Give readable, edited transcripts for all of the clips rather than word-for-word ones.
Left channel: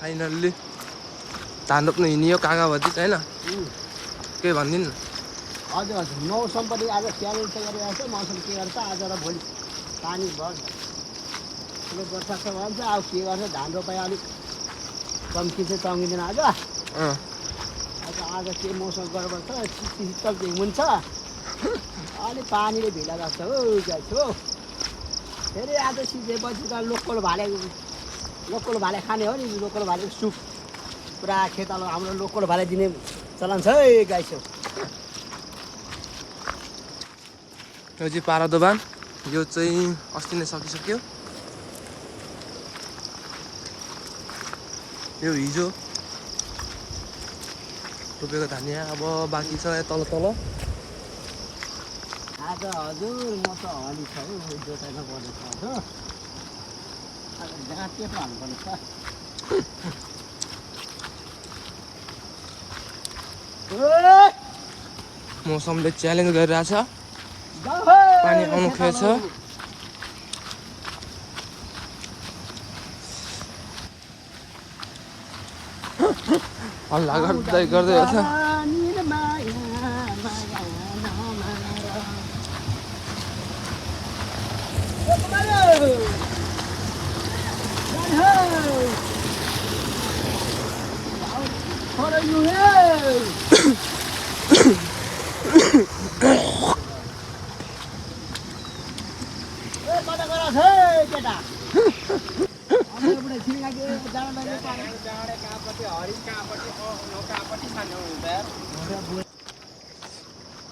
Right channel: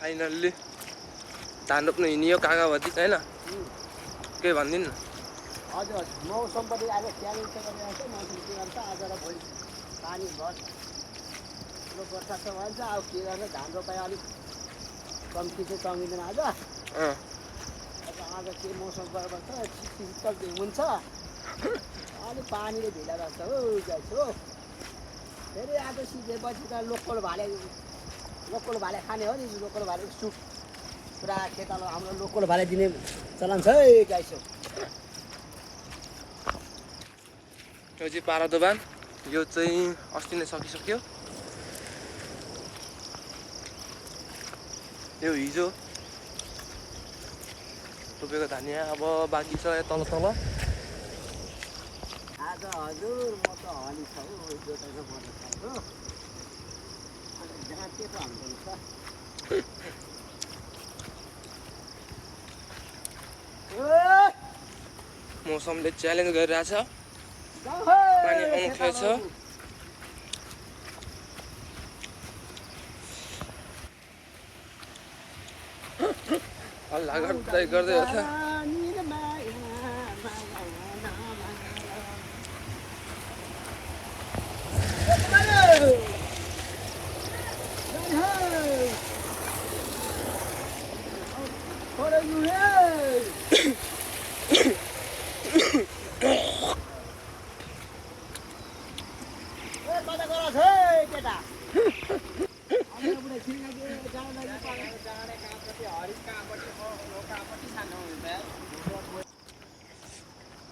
finally धान रोप्न हिँडियो काका भतिज होइन के भनिदिनु न हजुर हजुर मौसम पनि आज च्यालेन्ज चाहिँ गरिरहेको छ मौसम के गर्छ आज र भोलि पानी भयो वर्षा छ भन्छ अब के गर्छ धान रोपाइ अलिक चम्की चाहिँ चम्किँदैन आज आज के मौसम गडबड छ शीतल हुन्छ अलिक पानीले भिला लाग्छ हो गाइस हो फेरि आज सिझेपछि त लोकल भाले खाने हो नि लोकल भाले सुप पुरा खेतालो हाम्रो लोकल भाले दिने चलन छ है गाइस हो यो चाहिँ पारा दोबान यो चाहिँ अस्ति नै सकिसक्यो यो हिजो रोपेको धानिया अब बाँकी छ तल आज हजुर म त हली छ है जोताइमा गर्नु छ हो आज गाँटे हाल्नुपर्ने छ मौसमले च्यालेन्ज गरिरहेछ पानी आउनु खोजेछ हल्ला गर्दै गर्दै छ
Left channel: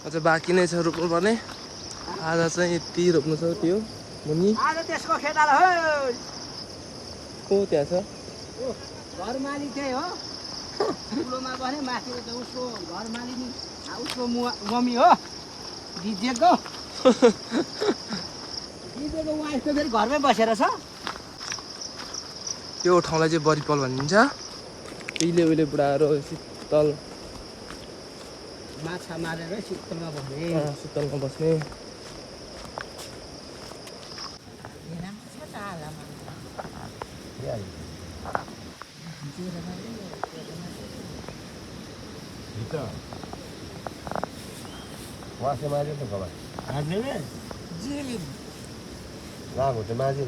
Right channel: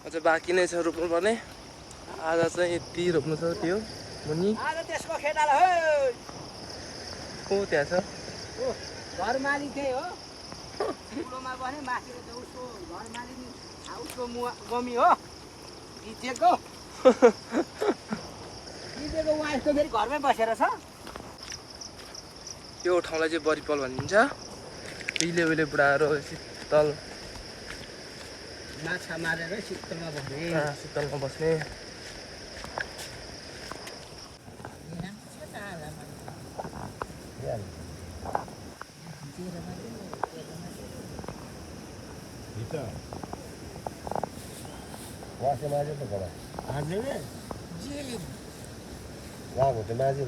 अझ बाँकी नै छ रोप्नु पर्ने आज चाहिँ यति रोप्नु छ त्यो मुनि को त्यहाँ छ घर मालिक त्यही हो ठुलोमा बस्ने माथि उसको घर मालिक उसको मम्मी हो दिजेको वाइफ त फेरि घरमै बसेर छ त्यो ठाउँलाई चाहिँ बरिपल भनिन्छ उहिले बुढाहरू शीतल माछा मारेर शीतलमा बस्ने शीतलमा बस्ने वासे माझे तो कबा हार्ने जेले लागो तो माझे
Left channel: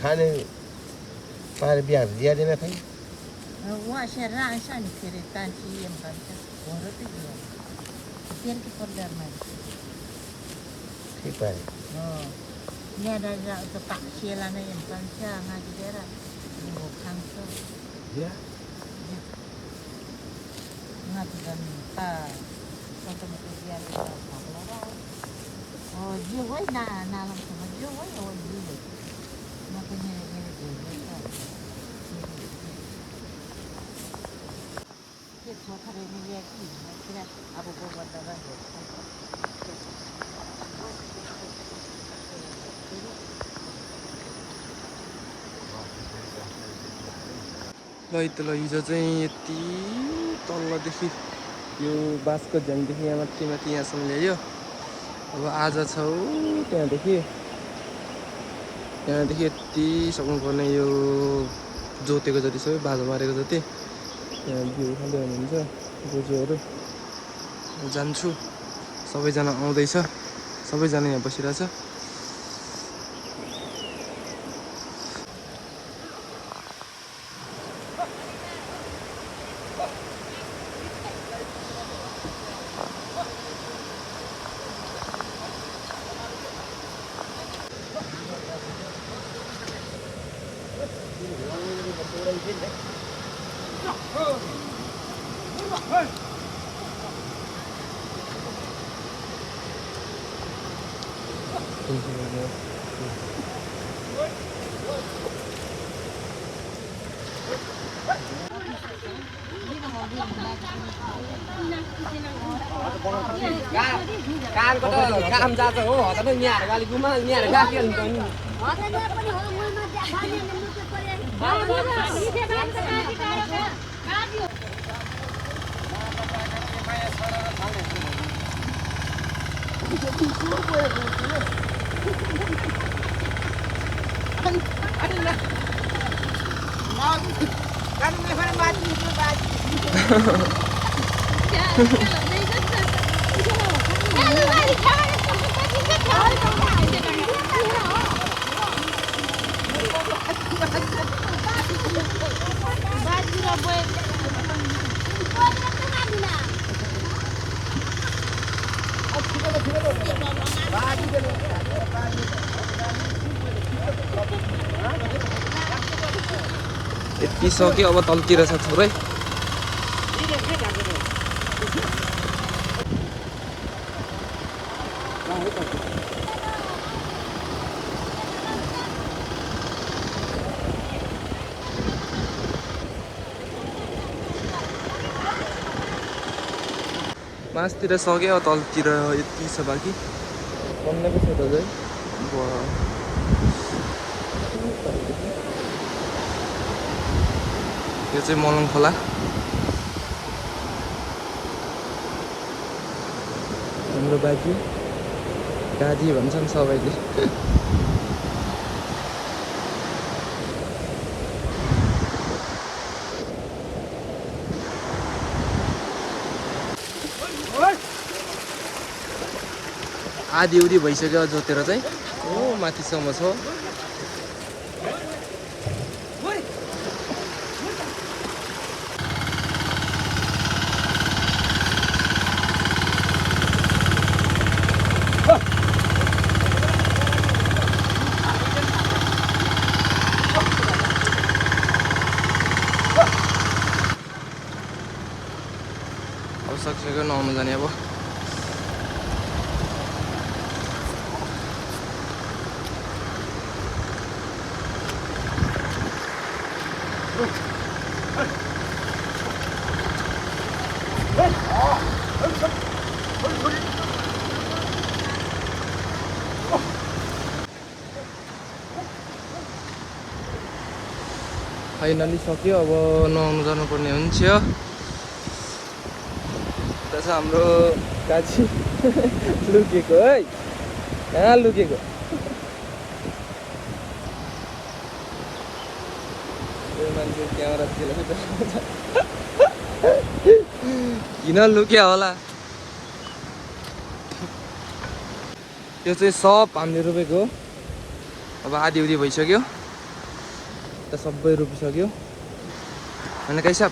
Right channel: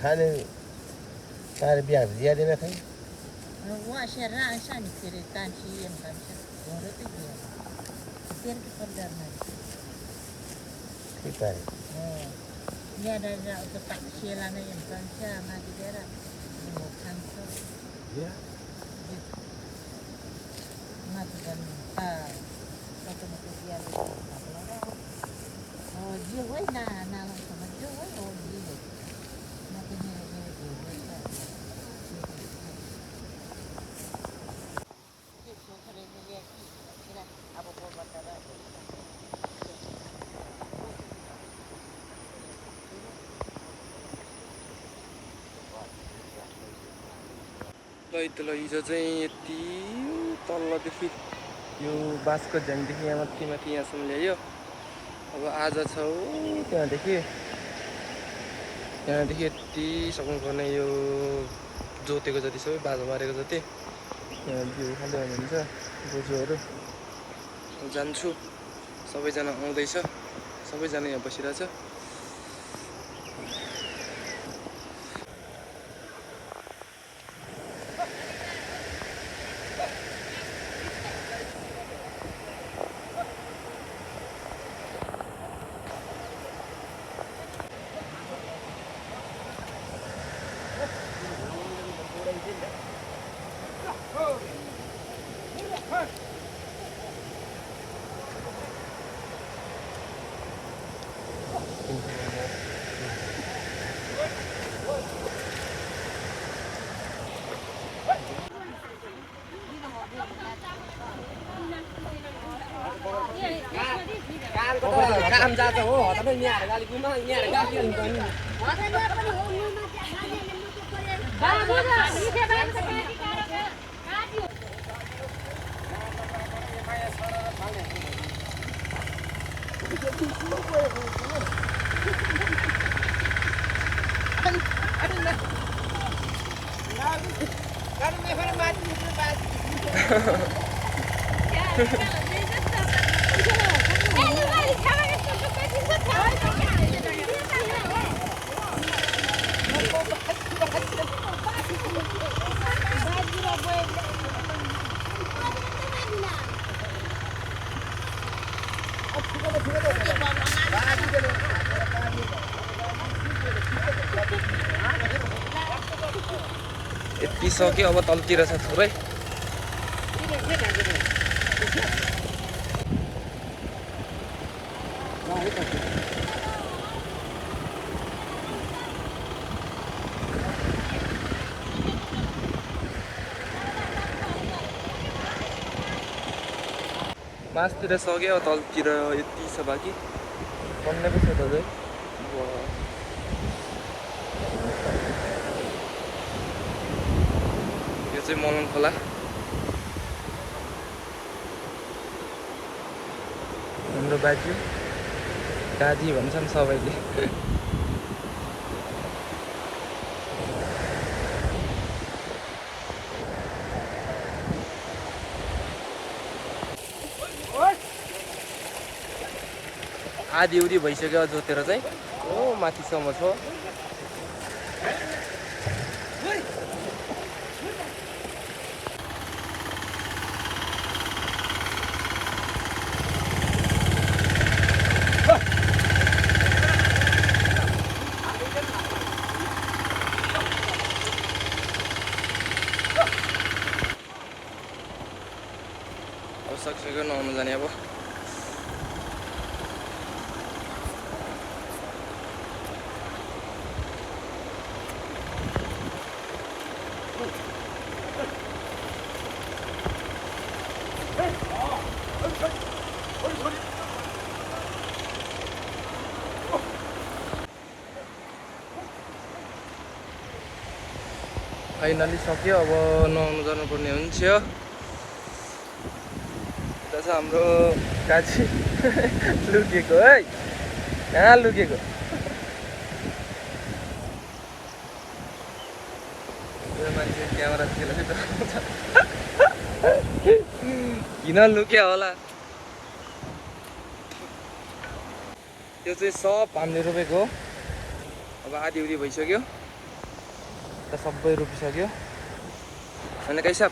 खाने पार बिहा ज्यादा न खाइ वासे रासा नि फेरि कान्छी एम भन्छ घरो त गयो तेल के पर्दर मा ठीक पाए हो यहाँ दाजु त पाक्सेला नै एम भन्छ माथि दिएर वो खान्छ या माथि पनि कतमा त ज्याले भक्ला हो जे होइ नालम समझ जो होइ हो जे होइ म पनि ल हिजो चाहिँ यति तल्लोदेखि यो बाँसको झ्याङदेखि यहाँ माथि यहाँसम्म ल्यायो अब आज छ त्यहाँदेखि यति सक्नुपर्ने यो जोतेको जति सबै बाँझो मारेको जति यहाँ भ्यू खाँदै हुनुहुन्छ बोजूहरू जान्छु सबैजना आउँदैछ सबैजना यहाँ बसिरहेछ काम जान्छ हो हतै यहाँ अलिक गुमा यहाँ गाकी हुन्छ नि यति सक्यो अब तलतिर छ थोरै मासतिर सक्यो अब तलतिर यति छ बाँकी बन्नेको छ त यो चाहिँ मलङ खोला हाम्रो बाजु दादी भन्छन् सबैले आधी उधी भइसक्यो जोतेर चाहिँ ओ माथिसम्म छ अब सक्सेको नआउनु जाने अब फाइनली सक्यो अब नुहाउनु जानुपर्ने हुन्छ यता छ हाम्रो काजी लुकेको है कहाँ लुकेको यो मान्छे क्यामेरा खेलेको किन लुक्यो होला यो चाहिँ सब हामीले रोपेको हो अब आधी उधी भइसक्यो त सबै रोपिसक्यो अनि कैसा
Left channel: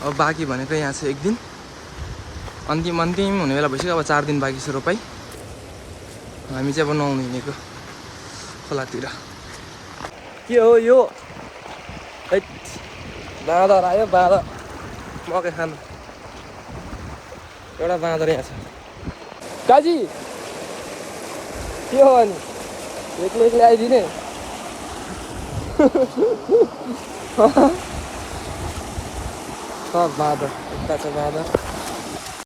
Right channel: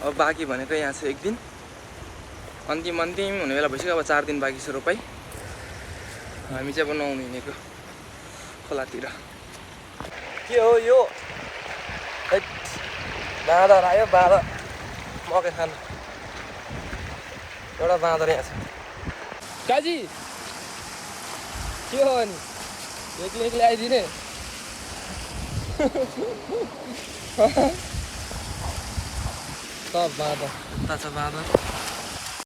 अब बाँकी भनेको यहाँ चाहिँ एक दिन अन्तिम हुने बेला भइसक्यो अब 4 दिन बाँकी छ रोपाइ हामी चाहिँ अब नुहाउनु हिँडेको खोलातिर के हो यो बाँदर आयो बाँदर मकै खानु एउटा बाँदर यहाँ छ काजी के हो अनि एक्लै आइदिने सब बाँदर यता छ बाँदर